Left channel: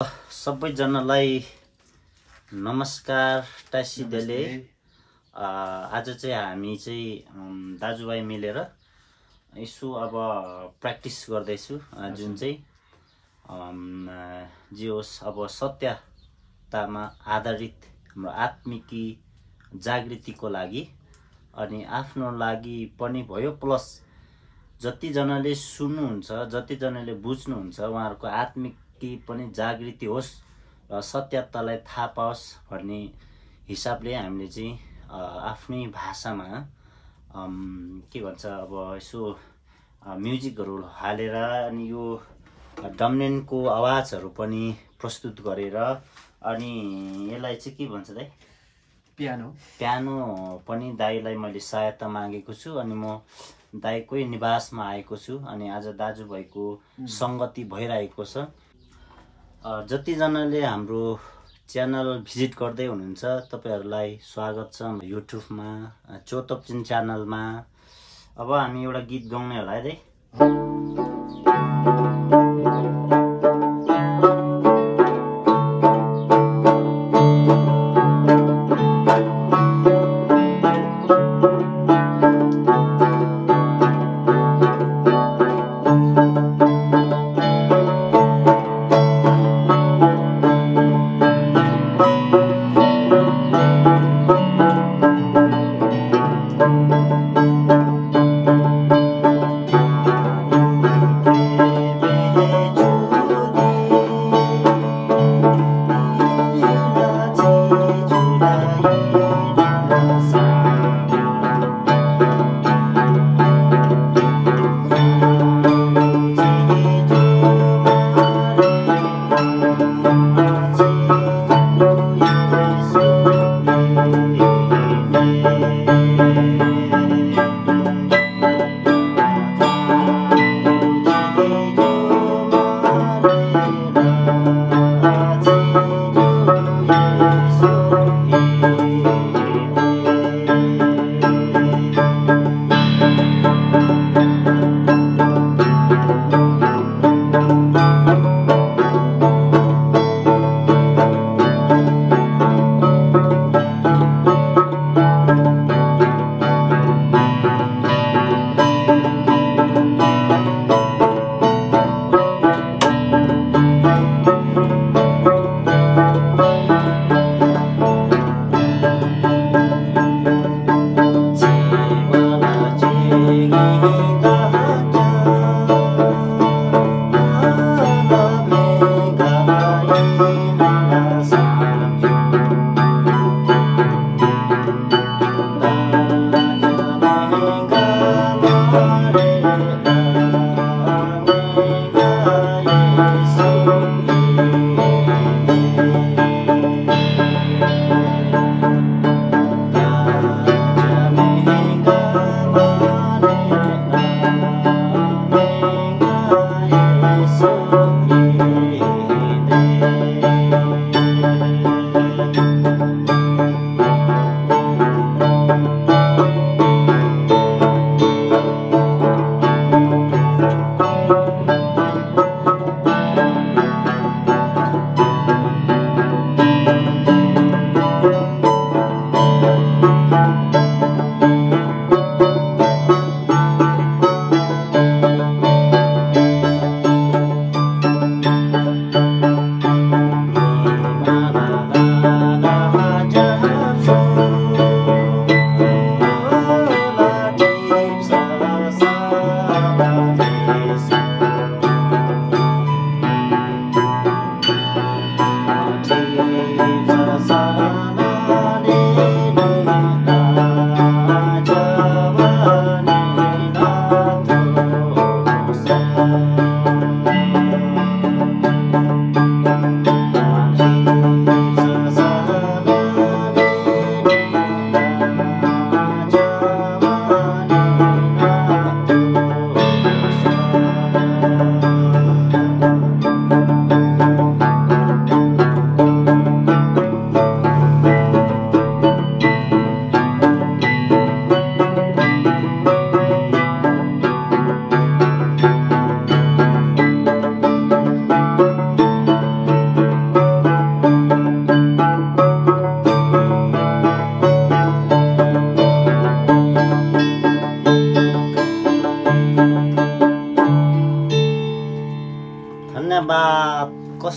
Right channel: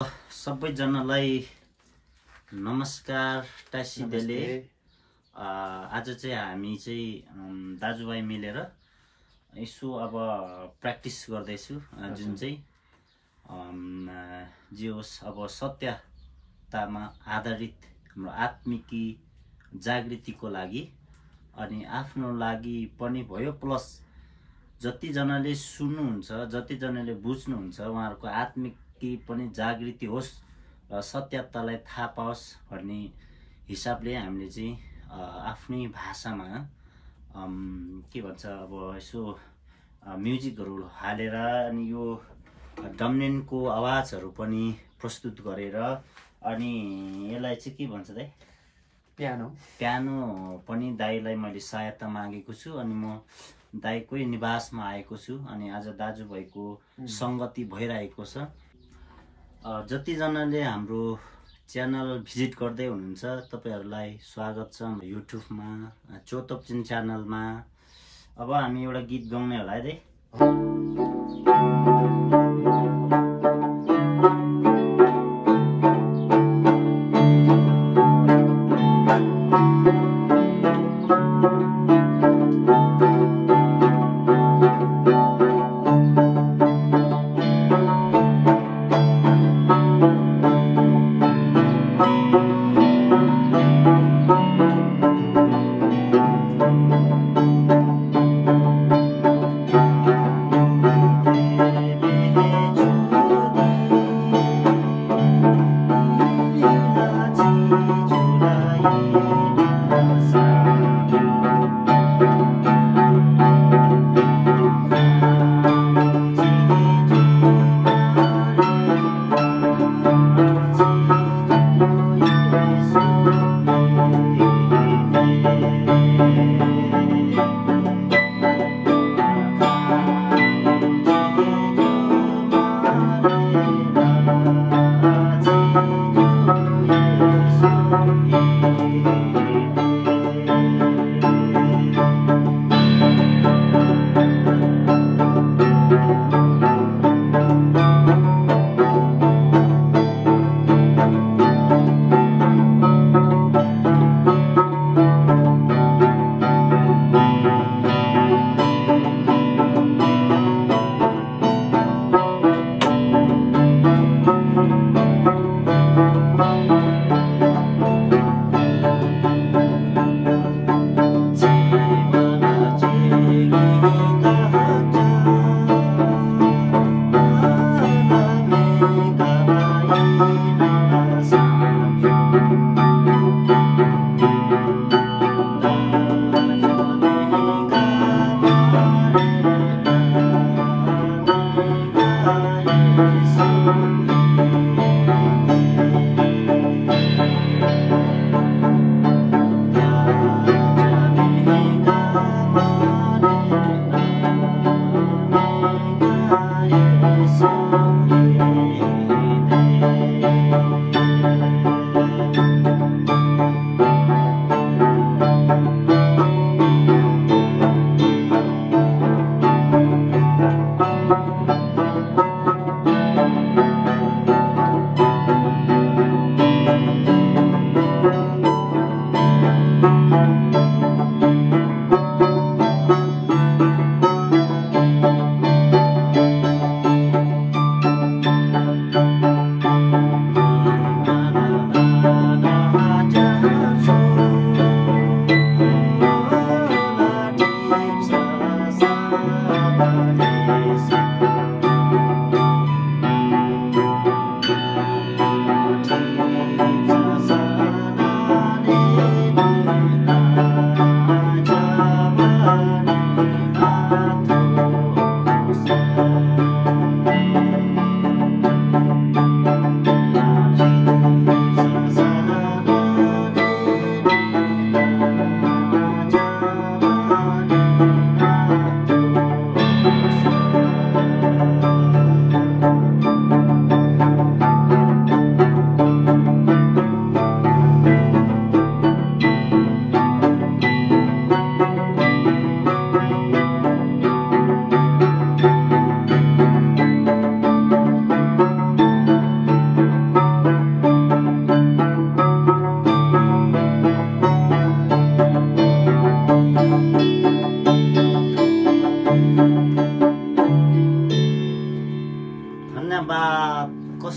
सबैजनालाई नमस्कार टासिदेले। आज चाहिँ हामी चाहिँ दाजुभाइ मिलेर यसो अब प्र्याक्टिस गर्दैछु, जुन चाहिँ जे होस् अब सत्यतामा आधारित हाम्रो आत्मिकी जागृतिको लागि अनि आफ्नो लागि पनि भयो, प्लस जतिजनाले सुन्नुहुन्छ, जतिजनाले बुझ्नुहुन्छ उहाँहरूको आत्मिकी पनि जागृति होस् र सत्यतालाई थाहा पाओस् भन्ने हिसाबले हामीले चाहिँ आफ्नै भाषामा के भन्छ अब यसो म्युजिकहरू हालेर अनि यो डम्नेनको आवाजहरू पनि प्रस्तुत गरेर अनि यसलाई चाहिँ के भन्छ दाइ, पियानो पनि दाइलाई मैले सहायता मागेको छु अनि म दाइकै निवासमा आएको छु अनि आज दाजुभाइको सङ्गति भइरहेको छ। जतिजनाले हाम्रो च्यानल भिजिट गर्दै हुनुहुन्छ तपाईहरुलाई स्वागत छ युट्युबमा, चोतप्चिन च्यानलमा। अब हामी एउटा गीत गाउने होला है दाइ।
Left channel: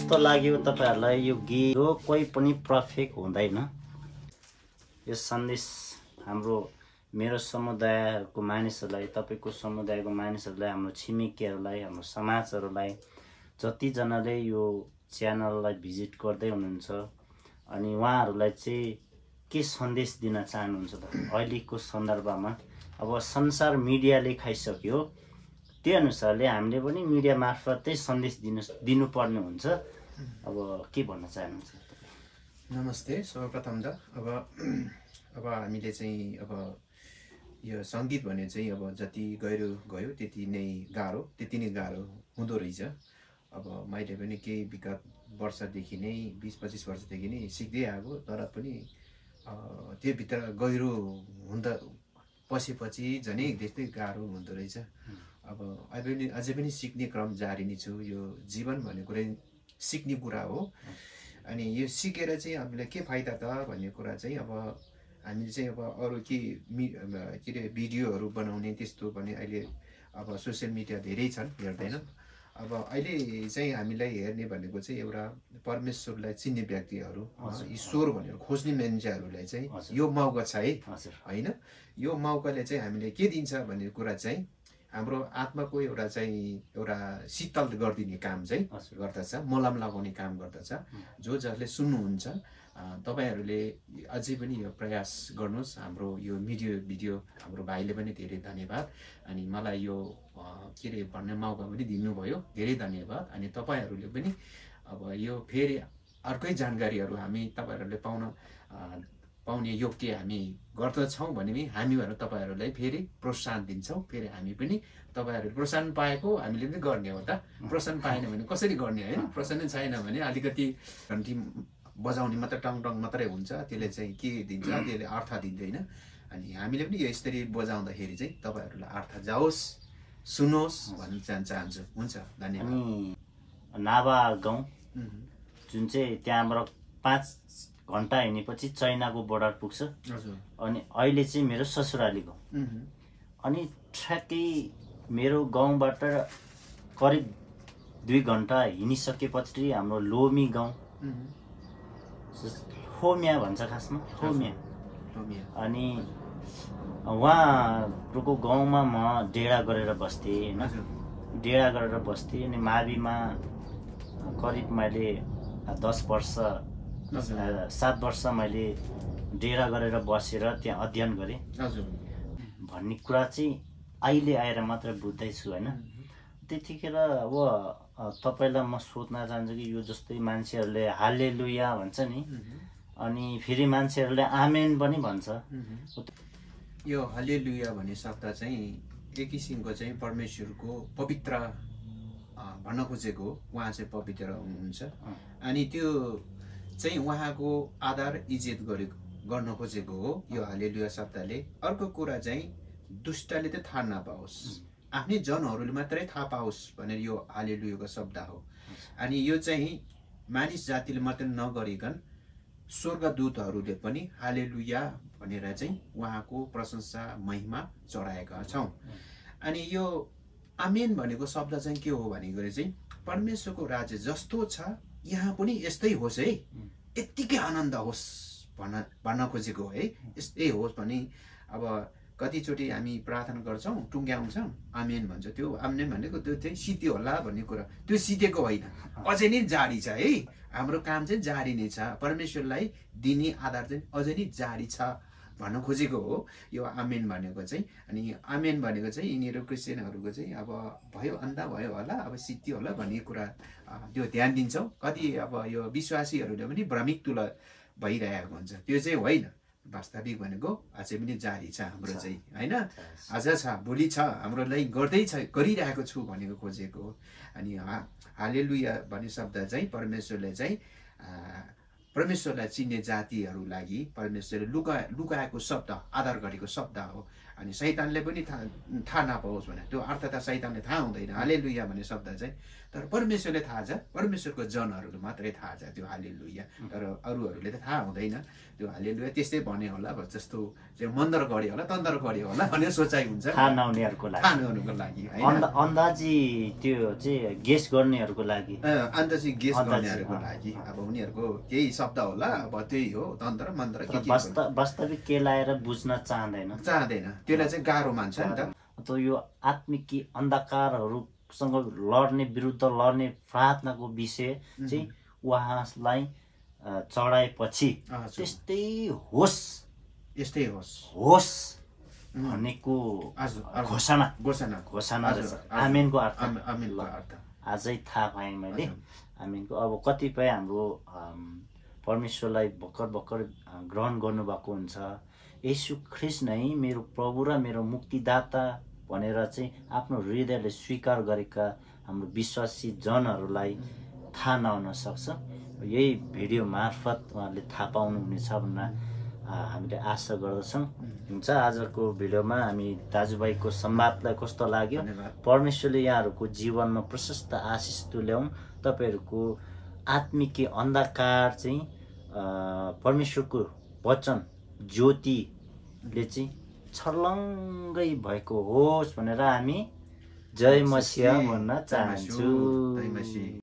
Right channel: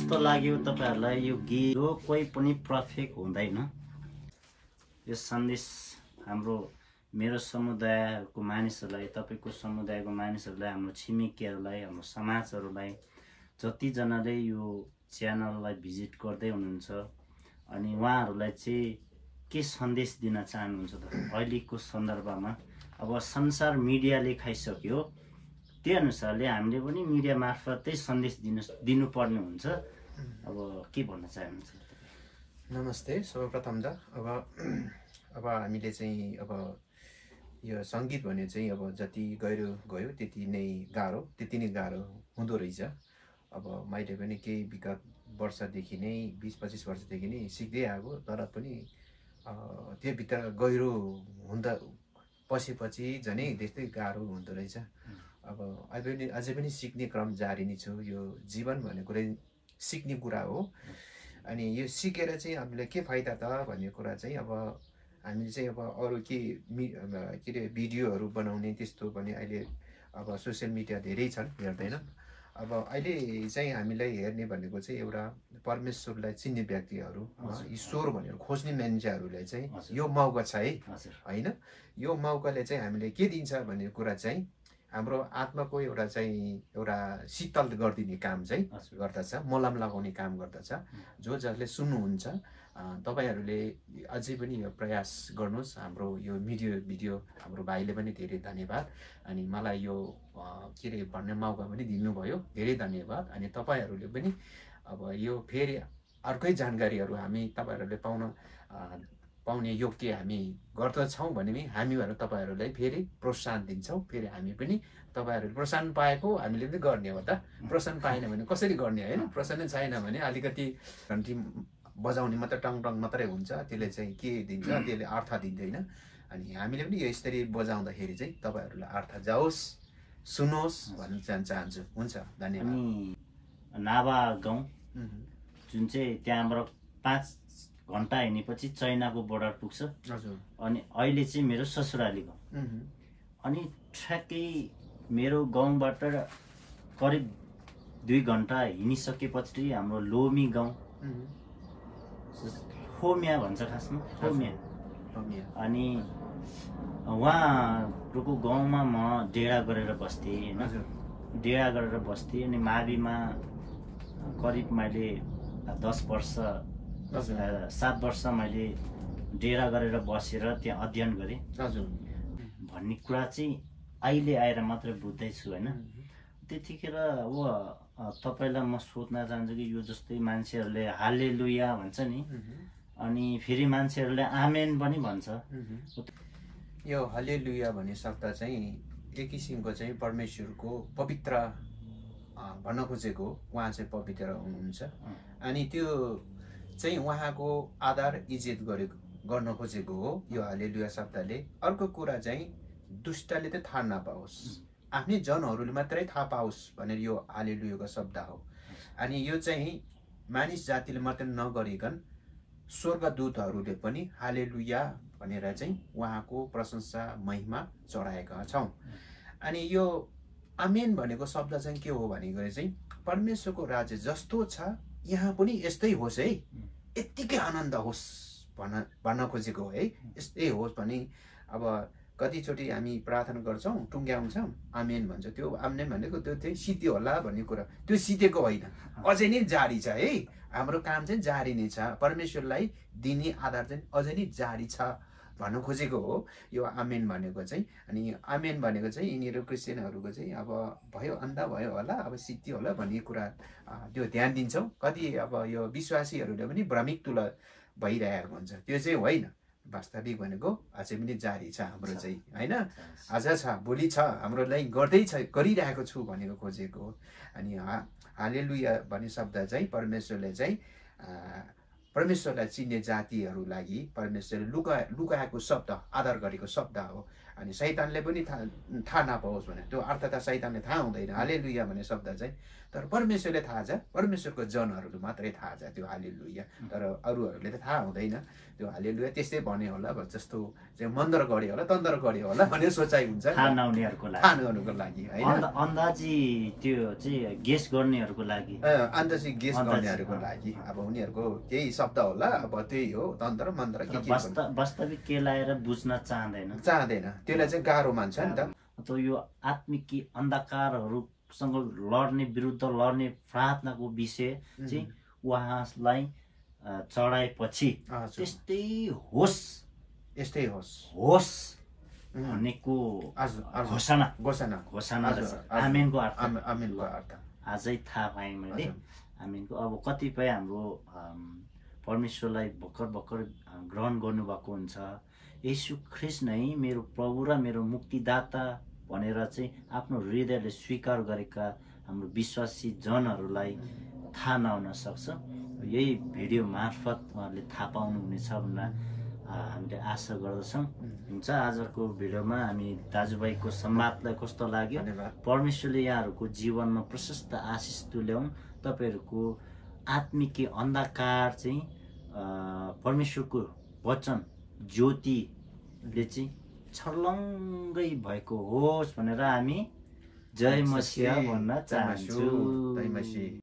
कस्तो लाग्यो तपाईँहरूलाई यो गीत? जो कोही पनि पर्फेक्ट हुँदैन। यो सन्देश हाम्रो मेरो समुदायको मानिसहरूलाई, तपाईँको समुदायको मानिसहरूलाई, हाम्रो छिमेकीहरूलाई, हाम्रो समाजहरूलाई, जतिजनाले यो च्यानललाई भिजिट गर्दै हुनुहुन्छ अनि उहाँहरूलाई चाहिँ के सन्देश दिन चाहनुहुन्छ त? अहिलेको सन्दर्भमा अब संसार मिडियाले खाइसक्यो, त्यही अनुसारले हामीले पनि मिडिया मार्फतै सन्देश दिनुपर्ने हुन्छ। अब के भन्न चाहनुहुन्छ? नमस्ते। सर्वप्रथम त अब हामीले चाहिँ अब यो सङ्गीत भने चाहिँ अब जति गहिरो गयो त्यति नै गाह्रो हुँदो रहेछ। अब मैले पनि केही विगत वर्षदेखि नै 20-25 वर्षदेखि नै सिक्दै आएको, तर पनि त्यो भित्र गहिरो हुँदा पसेपछि झनै त्यस्तै गाह्रो हुँदो रहेछ। अब अझै पनि सिक्ने क्रम जारी नै छु। यो जीवन भन्ने कुरै सिक्ने कुरा हो। अनि यो सिकेर चाहिँ हामीलाई के फाइदा त भन्ने कुरा चाहिँ अब हामीले चाहिँ अब अरू के अरे भिडियोहरू बनाउने त्यस्तो भने अहिले अब सोसियल मिडिया धेरै छन्, हेर्दैन। अब अहिले चाहिँ हामीलाई हेर्ने भनेको चाहिँ एउटा परमेश्वरलाई चिन्ने व्यक्तिहरू, ईश्वर भनेर खोज्ने मान्छेहरूलाई चाहिँ यो मौका छ है, होइन? यो मौकाले चाहिँ हामीले के दिन्छ भन्ने कुरा चाहिँ हाम्रो आत्माको एउटा शीतल गरिदिने काम चाहिँ गर्दछ, मलम लगाउने काम गर्दछ। जसले सुन्नुहुन्छ तपाईहरूले अझै पनि यो प्रयास गर्नुहोस्। हाम्रो यो भिडियो हाम्रो भाइले पनि धेरै धन्यवाद। अनि मलाई यो के अरे भन्ने मौका पनि दिनुभयो, धेरै धन्यवाद। अनि तपाईँहरूले पनि अब यो फेरि अर्कै जानकारीहरू हामी तपाईँहरूले पाउने योग्य हामी गर्दछौँ भने पनि हामीहरू तपाईँहरूलाई फेरि प्रोत्साहन दिन्छौँ। फेरि हामी पनि तपाईँहरूले प्रोत्साहन पाएको हामीले पनि गर्ने हो त। प्रोत्साहन पाएन भने कसरी गर्ने, होइन? प्रोत्साहन छैन भने अलिकति घन्टी बजाउने मात्रै टङ मात्रै हुन्छ, त्यसले चाहिँ के दिन्छ? त्यसले अर्थ दिँदैन। अनि हामीले पनि यो यसरी बजाउँदाखेरि चाहिँ तपाईँहरूलाई अर्थ जाओस्, सुनोस् भन्न चाहन्छु। हुन्छ, धन्यवाद। नाभा गाउँ जुन चाहिँ त्यहाँबाट 5 घन्टा हिँडेपछि चाइनाको बोर्डर पुग्छ। अनि अहिले चाहिँ मेरो ससुराली गाउँ। अनि ठ्याक्कै मेरो गाउँबाट करिब 2 घन्टा हिँडिसकेपछि हाम्रो लोमी गाउँ, होमिया भन्छ खासमा, होमिया। अनि उहाँहरूको गाउँमा म डेरा गरेर बस्थेँ, होइन? डेरा गरेर बस्थेँ। अनि माविमा करिब मैले 7 वर्ष मैले डेरा गरेर बसेर त्यहाँ अध्ययन गरेँ भन्ने कुरा चाहिँ अहिले आएर मात्र बुझ्दैछु, होइन? त्यतिखेर अब तपाईँलाई म सोध्न चाहन्छु कि यो जस्तै मान्छेहरूले हालेलुया भन्छ नि, अनि फेरि मान्छेहरूले आमेन पनि भन्छ। यो हालेलुया भन्ने शब्द चाहिँ एक किसिमको चाहिँ परमेश्वरको पवित्र भन्न खोजेको। उहाँ चाहिँ पवित्र हुनुहुन्छ। अनि त्यो चाहिँ उहाँको आदर इज्जत गर्न खोजेको हो यो हालेलुया शब्दले। अर्को कुरा चाहिँ दुष्टले त थाहा नपाओस्, आफ्नै जनहरूले मात्रै थाहा पाओस् भनेर यो हालेलुयाको शब्द हो। अनि यो चाहिँ मानिस जातिले मात्रै नगरिकन स्वर्गदूतहरूले पनि हालेलुया भनेर चाहिँ उहाँको प्रशंसा महिमा चढाएका छौँ। अनि यो आमेन भनेको शब्द चाहिँ के हो भनेको चाहिँ परमेश्वरको राज्य जस्तो छ यहाँ पनि यस्तै होस् है, यत्तिकै आनन्द होस् भन्न खोजेको है। यस्तै होस् भने अब कतिचोटि हामी प्रार्थना गर्छौँ, टुङ्ग्याउँछौँ, आमेन भन्छ। त्यो आमेन भनेको त्यो चाहिँ सिद्धियो होला भन्ने कुरा, त्यो सिद्धेको होइन, अझै नै जारी छ है। हाम्रो काम चाहिँ जारी नै छ, परमेश्वरलाई दिने आधार चाहिँ अझै नै जारी छ भन्न खोजेको हो यो आमेन भनेको चाहिँ। अनि आमेन भनेको चाहिँ यिनीहरू क्रिस्चियनहरूको चाहिँ अब भयो अन्धा भयो होला, अब सिद्धि होला भन्ने कुरा त्यो ध्यान दिन्छौँ। कति अब यो विश्वासीहरूले पनि भ्रमित तुला भइरहेको हुन्छ, त्यो चाहिँ होइन। वास्तविक भनेको अझै पनि जारी छ हाम्रो चाहिँ, होइन? आज छ, भोलि छ, हाम्रो लागि गरिरहेको छु भनेको खोजेको हो। अनि हालेलुया भन्ने शब्द चाहिँ परमेश्वरलाई चिन्ने जातिहरू लागि परमेश्वरले लुकाएको शब्द, आदर गरेको शब्द हो। अनि शैतानले पनि थाहा नपाओस् भने त्यो अर्थ त शैतानले थाहा हुँदैन। हालेलुया भन्ने शब्द चाहिँ तर परमेश्वरले थाहा छ, परमेश्वरको जनहरू मात्रै थाहा छ त्यो हालेलुया। तर अरूहरूले त थाहा हुँदैन त्यो हालेलुया। त्यस्तै भन्यो होला जस्तो चाहिँ मन्दर गढ्यो होला, तन्दर गढ्यो होला भन्ने सोचाइ हुन्छ थाहा नहुनेहरूको लागि, थाहा नहुनुको लागि होइन, अन्दाजी त्यो चाहिँ गेस गर्नेहरूको लागि, अन्दाजी गेस गर्नेहरूको लागि। अब उनीहरूको त्यही शब्द होला, अब त्यही हो तन्त्र मन्त्र के वास्तविक के लाएर बुझ्न चाहँदैन, त्यसलाई चाहिँ गाह्रो मान्छ नि त। त यो आत्मिक अन्धकारहरूसँग लड्ने, विरुद्ध लड्ने प्रार्थनाको विषय चाहिँ उहाँलाई चढाएपछि त्यस्तै होस्, यस्तै होस् भनेको घोषणा आमेनको अर्थ आजै थाहा पाएँ मैले आमेनको। अब कतिपय हाम्रो परमेश्वरलाई भर्खर ग्रहण गर्नुभएको हुन्छ, येशू ख्रिस्ट नै मेरो प्रभु र मेरो मुक्तिदाता भनेर चाहिँ आफ्नो हृदयले स्वीकार गरेका हाम्रो विश्वासी जनहरूलाई थाहा नहुन सक्छ। यही भिडियो मार्फत उहाँहरूले थाहा पाउनुहुनेछ भनेर हामीले आशा गर्दछौँ। हुन्छ, आजको भिडियोमा हामी दाजुभाइको संवादलाई कस्तो लाग्यो, परमेश्वरले यहाँहरूको जीवनमा प्रशस्त आशिष तुल्याउँ। तपाईँहरूको आत्मिक अन्धकार चाहिँ परमेश्वरको वचन ज्योतिले चाहिँ छर्लङ्गै भएको होस् भनेर हामी जय मसीह भन्न चाहन्छु।